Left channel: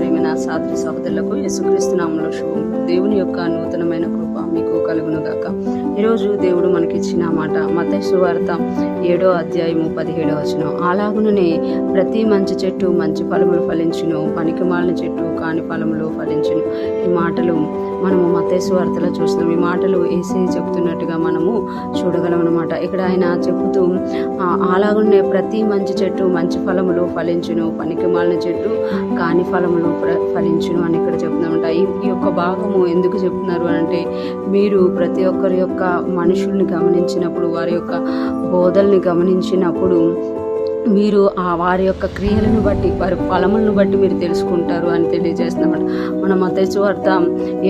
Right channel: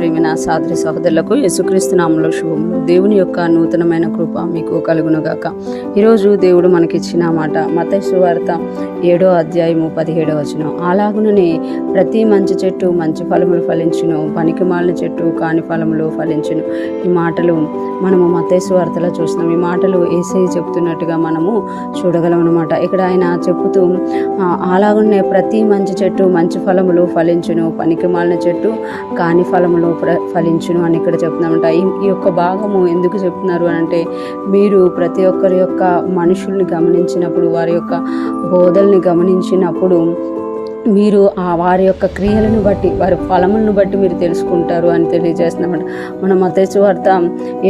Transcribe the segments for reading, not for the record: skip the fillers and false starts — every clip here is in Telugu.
ప్రేమైన సహోదరి సహోదరులకు యేసుక్రీస్తు నామములో శుభములు. దేవుని యొక్క నూతనమైన కృప మీకు కలుగునుగాక. ఈరోజు దేవుడు మనకిచ్చిన మాట మత్తయి సువార్త 7వ అధ్యాయము 17వ వచనం. అలాగుననే ప్రతి మంచి చెట్టు మంచి ఫలములు ఫలించును, పనికిమాలిన చెట్టు కాని ఫలములు ఫలించును. ఈ మాటలు మనము మత్తయి సువార్తలో చూసినాం. ఈ మాటలు యేసయ్య చెప్తున్నట్టుగా మనము చూడగలం అన్నమాట. ఇక్కడ ఆయన చెప్పుతూ అలాగునే ప్రతి మంచి చెట్టు మంచి ఫలములు ఫలించును, పనికిమాలిన చెట్టు కాని ఫలములు ఫలించును అని ఇక్కడ చెప్తున్నామంట. ఈ యొక్క భాగము ఎందుకు చెప్తున్నారు అని అంటే, మీరు ప్రతి ఒక్కరి యొక్క మనుషుల్ని గమనించినప్పుడు, వారి యొక్క బోధల్ని గమనించినప్పుడు మీరు వారి యొక్క క్రియలను బట్టి, వారి ఫలములను బట్టి మీరు తెలుసుకుంటారు అని తెలియజేస్తున్నమాట. మన మత్తయి సువార్త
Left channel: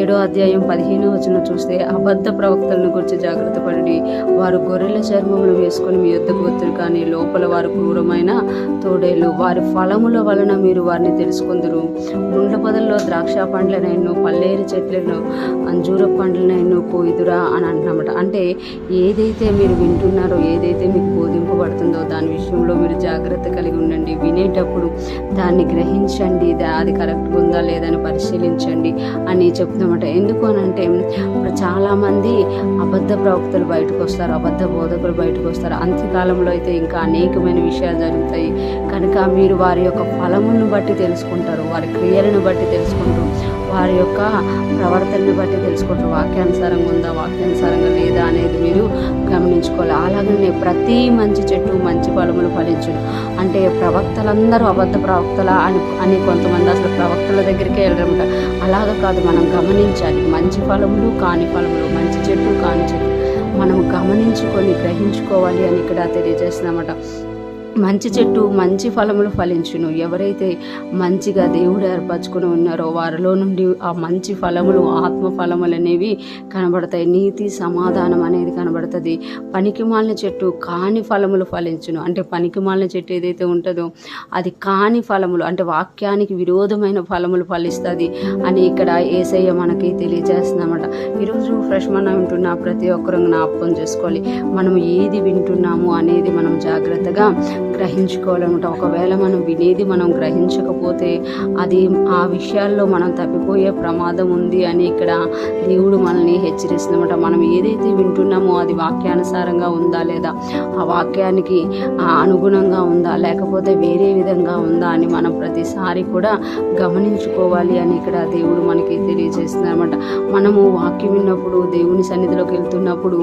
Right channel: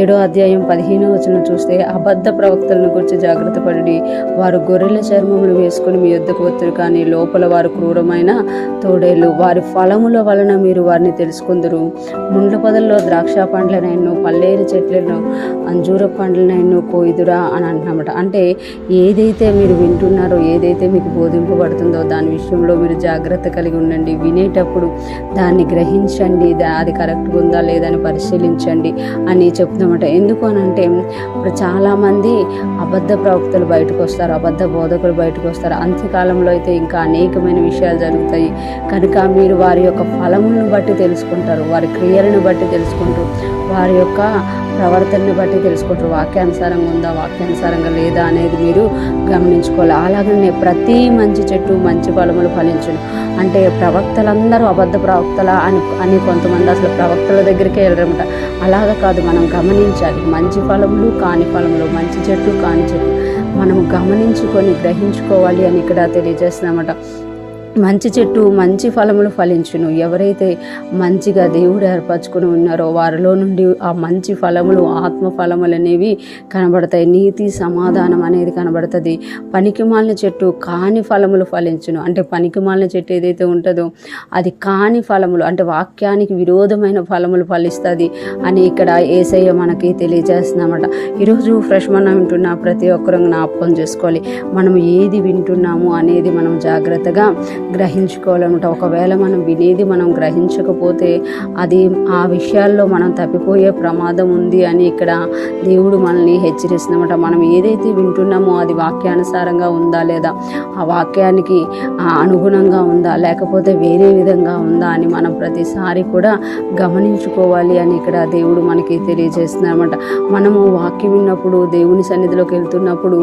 7వ అధ్యాయం 15వ వచనం చూస్తే, అబద్ధ ప్రవక్తలను గురించి జాగ్రత్త పడి, వారు గొర్రెల చర్మములు వేసుకుని మీ యొద్దకు వత్తురు, కానీ లోపల వారు క్రూరమైన తోడేళ్ళు. వారి ఫలముల వలన మీరు వారిని తెలుసుకుందరు. ముండ్ల పొదల్లో ద్రాక్ష పండ్లనైనా, పల్లేరు చెట్లను, అంజూర పండ్లనైనా కోయిదురా అని అంటున్నమాట. అంటే ఏదైతే మీరు వింటున్నారో, ఏదైతే మీకు బోధింపబడుతుందో దాని విషయంలో మీరు జాగ్రత్త కలిగి ఉండండి. వినేటప్పుడు దాన్ని గ్రహించండి, అది కరెక్ట్గా ఉందా లేదా అని పరిశీలించండి అని చెప్తామట. ఎందుకు అని అంటే, ఇప్పుడు చాలామంది అబద్ధ ప్రవక్తలు బయటకు వస్తారు, అబద్ధ బోధకులు బయటకు వస్తారు. అంత్యకాలంలో అయితే ఇంకా అనేకమైన విషయాలు జరుగుతాయి. కనుక మీరు వారి యొక్క ఫలములను బట్టి తెలుసుకుంటారు, వారి క్రియలను బట్టి తెలుసుకుంటూ, వారి యొక్క ప్రవర్తనని బట్టి తెలుసుకుంటారు. వాక్యానుసారంగా ఉందా, వాక్యానుసారంగా లేదా అనేది మీరు గమనించుకోవాలి. అలాగనే ప్రతి మంచి చెట్టు మంచి ఫలములు ఫలించును. అంటే ప్రవక్తలందరూ అబద్ధ ప్రవక్తల అని కొంతమంది అసలు ప్రవక్తల దగ్గరికే వెళ్ళరమాట. అలాగ కాదు, మనం గమనించాలి. మంచి ఫలములు కాని ఫలములు, మంచి చెట్టు కాని చెట్టు మనము గమనించుకొని గ్రహించుకోవాలి అని ఇక్కడ తెలియజేస్తున్నామట. మంచి చెట్టు మంచి ఫలములు ఫలించును. ఎవరైతే మంచిగా దేవుడు ఏర్పరచుకుని ఉన్నారో వారిలో నుండి ఆ మంచి ఫలములు, ఆత్మ ఫలములు అనేవి కనబడతాయి. నీతి సమాధానం అనేది కనబడుతుంది. పనికిమాలిన చెట్టు కాని ఫలములు ఫలించును. అంటే పనికిమాలిన చెట్టు ఏదైతే ఉంటుందో అది కాని ఫలములు, అంటే వాక్యానికి విరోధమైన ఫలములు ఫలిస్తుంది అని ఇక్కడ యేసయ్య మనకి తెలియజేస్తున్నామట. ఈరోజు ఫ్రెష్ మనం వింటున్న ప్రతి ఒక్కరూ జ్ఞాపకం చేసుకోవాలి. మనం ఏది వింటున్నాము అనేది మనం జాగ్రత్తగా గ్రహించుకోవాలన్నమాట. ఒకవేళ మనం వినేది మనం గ్రహించకపోతే అది ఆ విషయాల్లో మనం తప్పిపోయే ప్రమాదం ఉంది అని ఇక్కడ దేవుడు మనల్ని హెచ్చరిస్తున్నమాట. మనం ఏదైతే వింటున్నామో అది వాక్యానుసారంగా ఉందా లేదా, ఆ వాక్యానికి అనుగుణంగా ఉందా, లేకపోతే వేరే విధంగా ఉందా అని మనం ప్రతిసారి కూడా గమనించుకోవాలి అని ఇక్కడ దేవుడు మనకి తెలియజేస్తున్నమాట. మనము వాక్యం విన్నప్పుడు, దేవుని సన్నిధిలోకి వెళ్తున్నప్పుడు,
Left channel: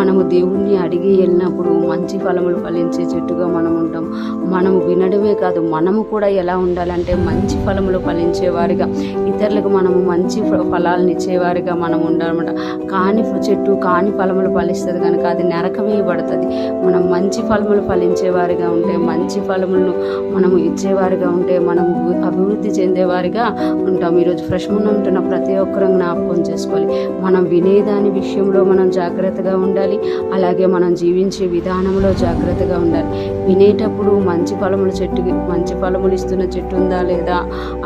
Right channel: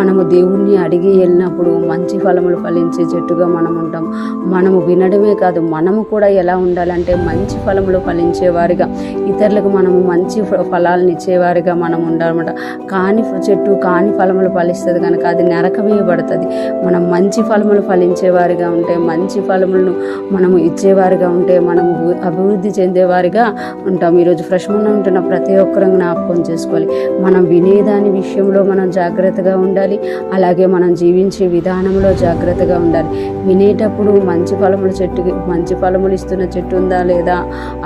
మనము దేవుణ్ణి అడిగి వెళ్ళినప్పుడు మంచి ఫలములు ఫలించే చెట్టుగా మనం ఉంటాం. మనము వినడమే కాదు, మనము కూడా ఎలా ఉండాలంటే మంచి ఫలములు ఫలించేవారిగా, ఇతరులకు మనము మంచి ఫలాలను ఇచ్చేవారిగా మనం ఉండాలన్నమాట. కాని చెట్టు కాని ఫలములు ఫలిస్తుంది కనుక అది నరకవేయబడుతుంది. మనం మంచి ఫలములు ఫలించేవారిగా ఉంటే, మంచి ఫలములను మనము ఇచ్చేవారిగా ఉంటే మనము అభివృద్ధి చెందేవారిగా ఉంటాం. ఈరోజు ఫ్రెష్ మనం ఉంటున్న ప్రతి ఒక్కరూ జ్ఞాపకం చేసుకోవాలి. మనం వినేదాని విషయంలో మనం జాగ్రత్తగా ఉండాలి. అలాగే మనం జీవించే విధానంలో జాగ్రత్తగా ఉండాలి. వినేటప్పుడు మంచి ఫలములు ఇస్తున్న చెట్టు ఉందా లేదా,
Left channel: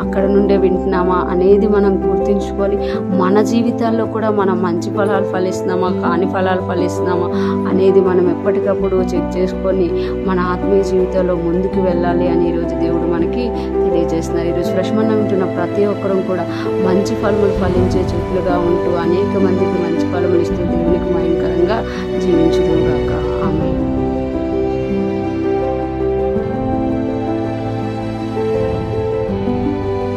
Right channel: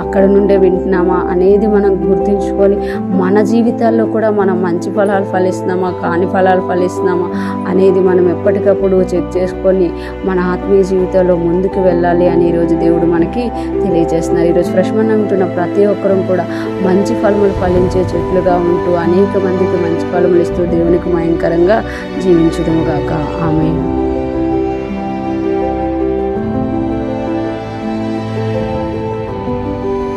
అక్కడ నుండే వింటున్నామా అనేది మనం గుర్తుంచుకోవాలి. మన జీవితాల్లో కూడా మనం మంచి ఫలాలు ఫలిస్తున్నామా, కాని ఫలాలు ఫలిస్తున్నామా అనేది మనం ఎప్పటికప్పుడు చెక్ చేసుకొని మన ఆత్మీయ జీవితంలో ముందుకు వెళ్ళాలి అని ఈరోజు దేవుడు మనకి తెలియజేస్తున్నారు. ఈరోజు ఫ్రెష్ మనం ఉంటున్న ప్రతి ఒక్కరూ కూడా మంచి ఫలములు ఫలించే చెట్లుగా ఉంటూ అనేక మందికి మంచి ఫలములు ఇస్తూ దేవునికి భయంకరంగా జీవించుదుముగాక. ఆమేన్.